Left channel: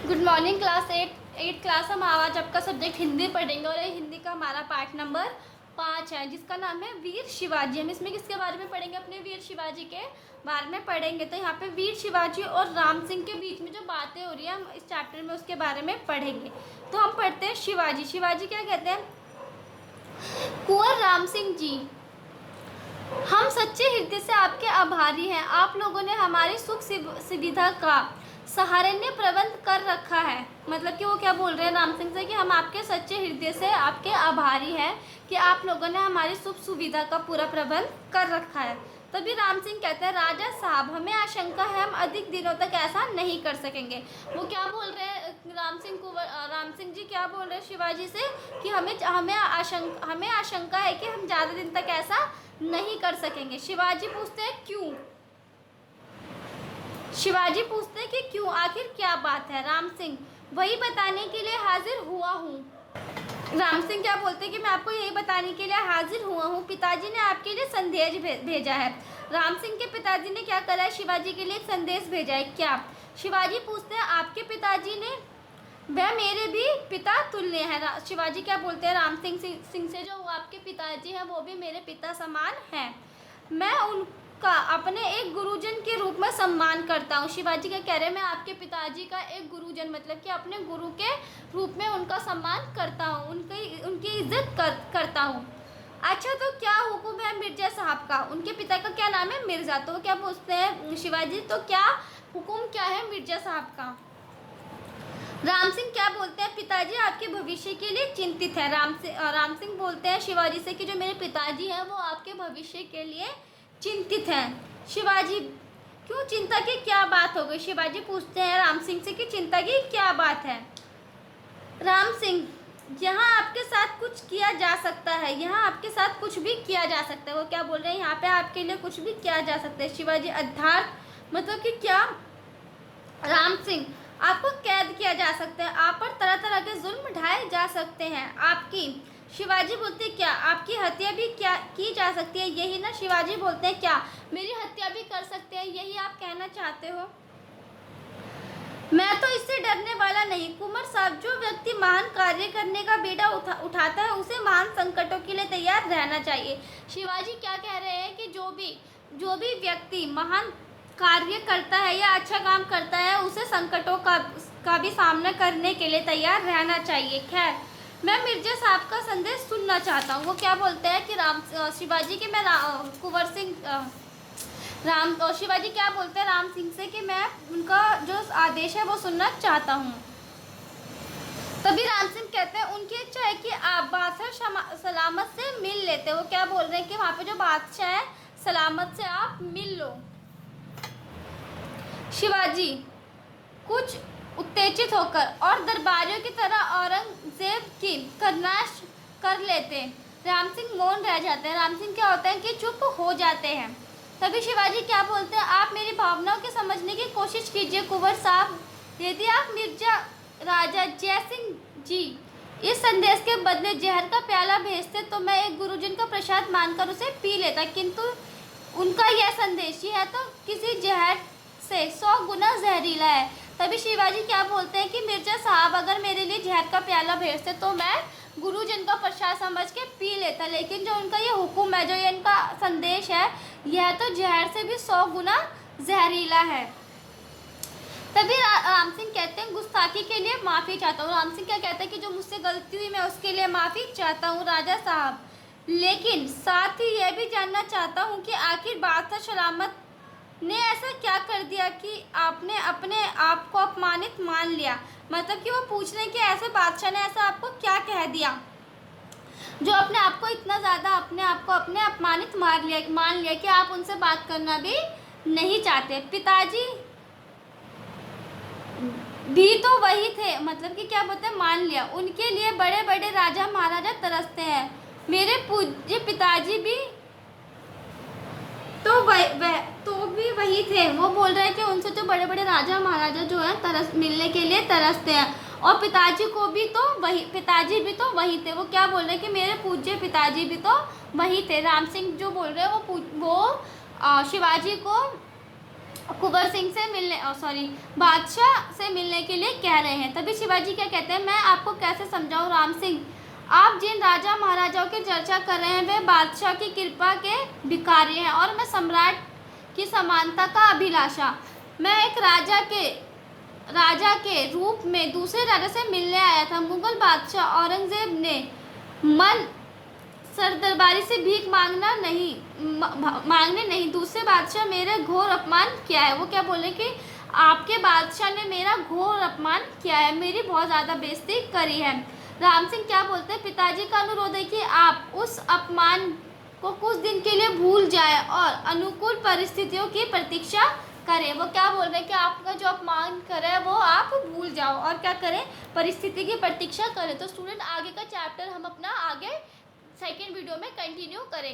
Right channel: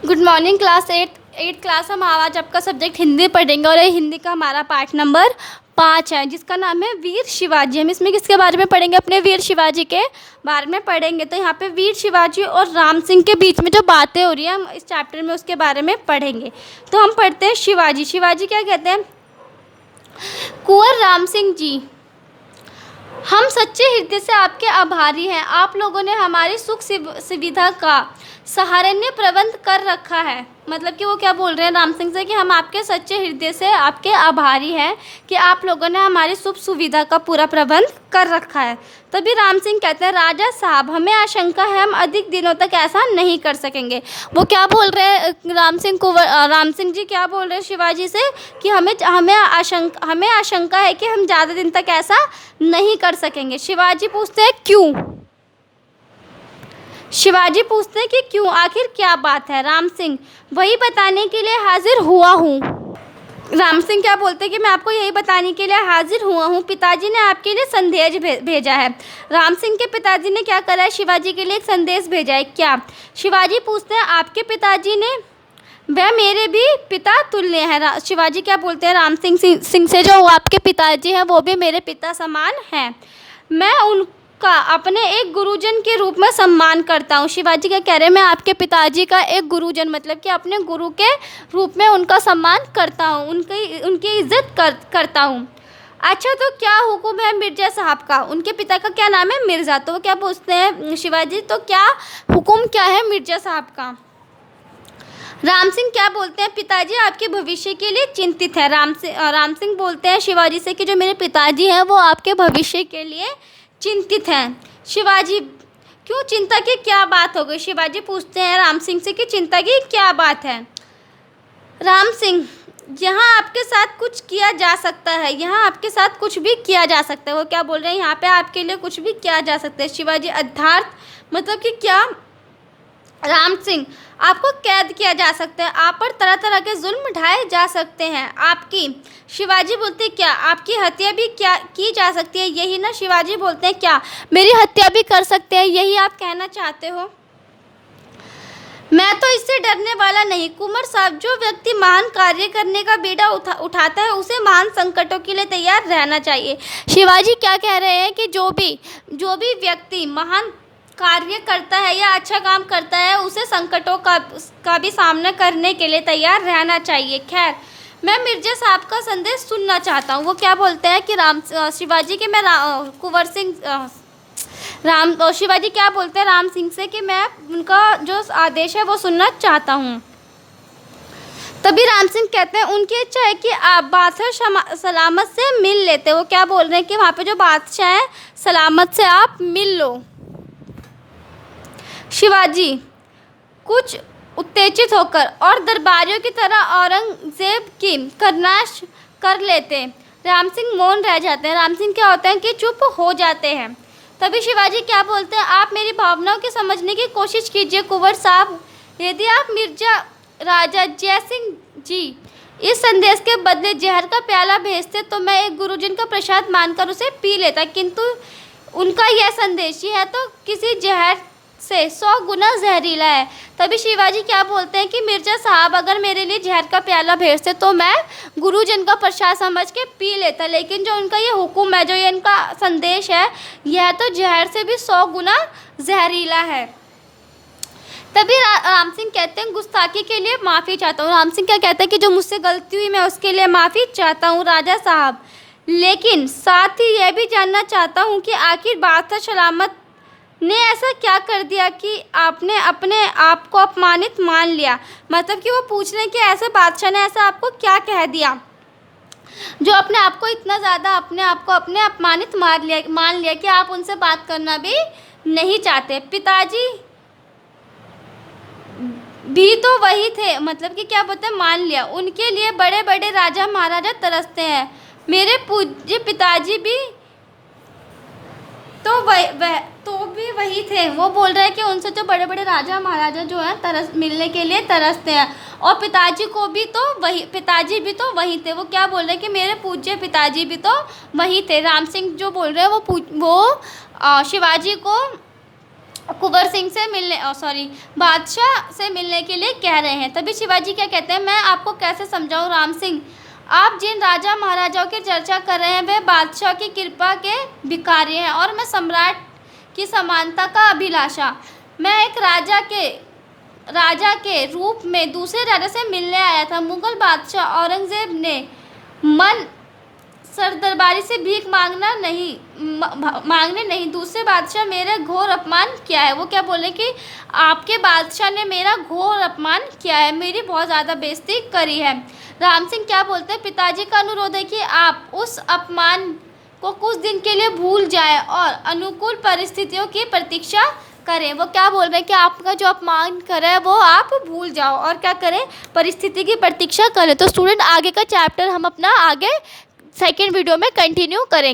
Good morning class eight class. हम आज आपका सब्जेक्ट हिंदी पढ़ेंगे और ये हिंदी का हमारा पार्ट नंबर 5 है, जिसका नाम है वीर शिवाजी। हम इसमें किसके बारे में पढ़ेंगे? अपने वीर शिवाजी के बारे में पढ़ेंगे। तो यहाँ पे वीर शिवाजी और राम सिंह के बीच में जो बातें हो रही हैं, हम इस चैप्टर में उसके बारे में पढ़ेंगे। तो हम पढ़ते हैं शिवाजी। शिवाजी क्या कहते हैं? कुंवर राम सिंह जी, हम सच्चे हृदय से आपके आभारी हैं। आप लोगों ने हमारी सुख सुविधा का सहारनीय प्रबंध कर रखा है। मतलब कि वो क्या बोल रहे हैं राम सिंह से कि हम आपके सच्चे हृदय से आपके आभारी हैं कि आप लोगों ने हमारी सुख सुविधा का पूरा प्रबंध कर रखा है। तभी राम सिंह कहते हैं, राजा साहब हमें आशंका है हम अधिक दिनों तक ऐसा नहीं कर सकेंगे। वो क्या बोल रहे हैं राम सिंह जी क्या बोल रहे हैं शिवाजी से कि हमें आशंका है कि हम ज़्यादा दिन तक ऐसा नहीं कर सकेंगे। शिवाजी पूछते हैं क्यों? शिवाजी पूछते हैं कि क्यों, आखिर क्या बात है? राम सिंह, वही बताने के लिए हाजिर हुआ हूँ। राम सिंह क्या बोलते हैं कि मैं आपको यही बताने के लिए हाजिर हुआ हूँ, पिताजी ने आपके लिए संदेश भेजा है। राम सिंह के पिताजी ने क्या करा है? शिवाजी के लिए एक संदेश भेजा है। क्या? शिवाजी पूछते हैं आपके पिताजी ने? वह मेरे भी पिता तुल्य है। शिवाजी क्या बोलते हैं राम सिंह से, जो आपके पिताजी हैं वो भी मेरे पिता समान हैं। मैं उनका अपने एक गुरुजन के रूप में सम्मान करता हूँ। शिवाजी क्या कह रहे हैं? मैं आपके पिताजी का एक गुरुजन, मतलब कि अपने गुरु के रूप में उनका सम्मान करता हूँ, उनकी इज्जत करता हूँ। अच्छा, तो क्या हुक्म है मिर्जा साहब का? उनके पिता का क्या नाम है? मिर्ज़ा। तो वो क्या पूछते हैं शिवाजी, तो क्या हुक्म क्या है मिर्जा साहब का? राम सिंह क्या बोलते हैं? पिताजी आपके भविष्य के लिए चिंतित है। राम सिंह बोलते हैं शिवाजी से कि जो मेरे पिताजी हैं वो आपके भविष्य के लिए चिंतित हैं। शिवाजी, क्यों? चिंता की क्या बात हो गई? शिवाजी पूछते हैं राम सिंह से कि चिंता की क्या बात है? राम सिंह, यहाँ आपके साथ कुछ किया जा सकता है, यहाँ आपके साथ कुछ भी किया जा सकता है। वो क्या बोल रहे हैं? यहाँ पे आपके लिए कुछ भी किया जा सकता है। शिवाजी, अर्थात मतलब कि क्या? राम सिंह, आपको कैद किया जा सकता है, आप पर तरह तरह के जुल्म ढाए जा सकते हैं। आपकी, शिवाजी बोलते हैं क्या आपकी हत्या भी क्या की जा सकती है? यही ना? शिवाजी बोलते हैं क्या मेरी हत्या भी कर सकते हैं? यही आप कहना चाहते हो? मैं तो इससे डरने वाला नहीं कुंवर साहब। जो व्यक्ति महान कार्य करने का बीड़ा उठाता है उसे महान संकटों के लिए तैयार रहना चाहिए। शिवाजी क्या कह रहे हैं कि जो भी व्यक्ति महान कार्य करता है या अच्छा काम करता है उसे संकटों का भी सामना करने के लिए तैयार रहना चाहिए। खैर, मैं मिर्जा साहब का संदेश सुनना चाहता हूँ। वो क्या बोलते हैं कि शिवाजी के मैं कुंवर सिंह शिवाजी क्या बोलते हैं राम सिंह से कि मैं उनका जो आदेश है वो सुनना चाहता हूँ। तभी राम सिंह कहते हैं उनकी इच्छा है कि आप बादशाह सलामत से मिल लेते। वो क्या बोल रहे हैं कि वहाँ पे जो बादशाह है सलामत से आप मिल लो। शिवाजी कुछ उत्तेजित होकर और दरबारियों की तरह औरंगजेब की करनाश कर लेते। राम सिंह मौन रह जाते हैं। राम सिंह क्या होता है कि चुप हो जाते हैं। तभी शिवाजी क्या बोलते हैं, आप मेरी भावनाओं की समझने की कोशिश कीजिए कुंवर साहब। यदि आप मिर्जा राजा जयसिंह जी इस संदेश के बदले जहर का प्याला भेजते तो मैं एक गुरुजन का प्रसाद मानकर उसे पी लेता, किंतु उनका यह संदेश ही है तो किसी जहर से 100 गुना जहरीला है। तभी शिवाजी क्या बोलते हैं कि मिर्जा साहब अगर मेरे लिए जहर का प्याला भेजते तो मैं गुरुजन का प्रसाद समझ के पी लेता, लेकिन जो उनका ये हुक्म है, जो ये इनका संदेश है, यह तो जहर से भी 100 गुना जहरीला है। तभी राम सिंह कहते हैं गुस्ताखी के लिए माफ़ी चाहता हूँ। राम सिंह क्या कहते हैं कि जो मुझसे गलती हुई मैं उसके लिए माफ़ी चाहता हूँ राजा साहब, लेकिन साथ ही यह भी जानना चाहता हूँ कि आखिर बादशाह सलामत ने ऐसा क्या कर दिया कि आपने अपने आप को अपमानित मान लिया। मतलब कि वो पूछ रहे हैं कि ऐसे बादशाह ने ऐसा आपको क्या कह दिया जो अपने आप को इतना ज़्यादा अपने अपमानित मान लिया कि आप उनसे बात करना भी नहीं चाहते। पिताजी भी तो वही थे, मतलब कि क्या बोलते हैं, मान लिया। उनके लिए बड़े बड़े राजा महाराजा तरसते हैं। मेरे पूज्य पिताजी भी तो भी वही थे। वो बोल रहे हैं कि उनसे जो बड़े बड़े राजा महाराजा जो हैं मिलने के लिए तरसते हैं, और पिताजी भी तो वही थे। वो क्या बोल रहे हैं कि मेरे पूज्य पिताजी भी तो वही थे। राम सिंह जो बोल रहे हैं वो शिवाजी को कुंवर सिंह से मिलने बादशाह से मिलने के लिए कह रहे हैं। तभी शिवाजी क्या कहते हैं, मैं आपको कैसे समझाऊं राम सिंह, आप जिन राजा महाराजाओं की चर्चा कर रहे हैं वे बादशाह की कृपा के भिखारी हैं और मैं सम्राट की समानता का अभिलाषा। मैं एक राजा के रूप में दूसरे राजा से मिलने आया था। मुगल बादशाह औरंगजेब ने मन सरदरबारी से भीख मांगने नहीं, दूसरे बादशाह मेरा घोर अपमान किया है। वो क्या बोले कि आपके बादशाह ने मेरा घोर अपमान किया है, मेरी बहुत ज़्यादा बेइज्जती करी है। राम सिंह क्या बोलते हैं, पिताजी का अनुरोध है कि आप उस अपमान को कुछ दिन के लिए भूल जाएं और अनुकूल परिस्थितियों की प्रतीक्षा करें। वो क्या बोल रहे हैं कि आपका जो अपमान करे है वो आप भूल जाओ और क्या करें, परिस्थिति की प्रतीक्षा करें। तो स्टूडेंट आगे का चैप्टर हम अपना आगे सेकेंड वीडियो में कंटिन्यू करेंगे।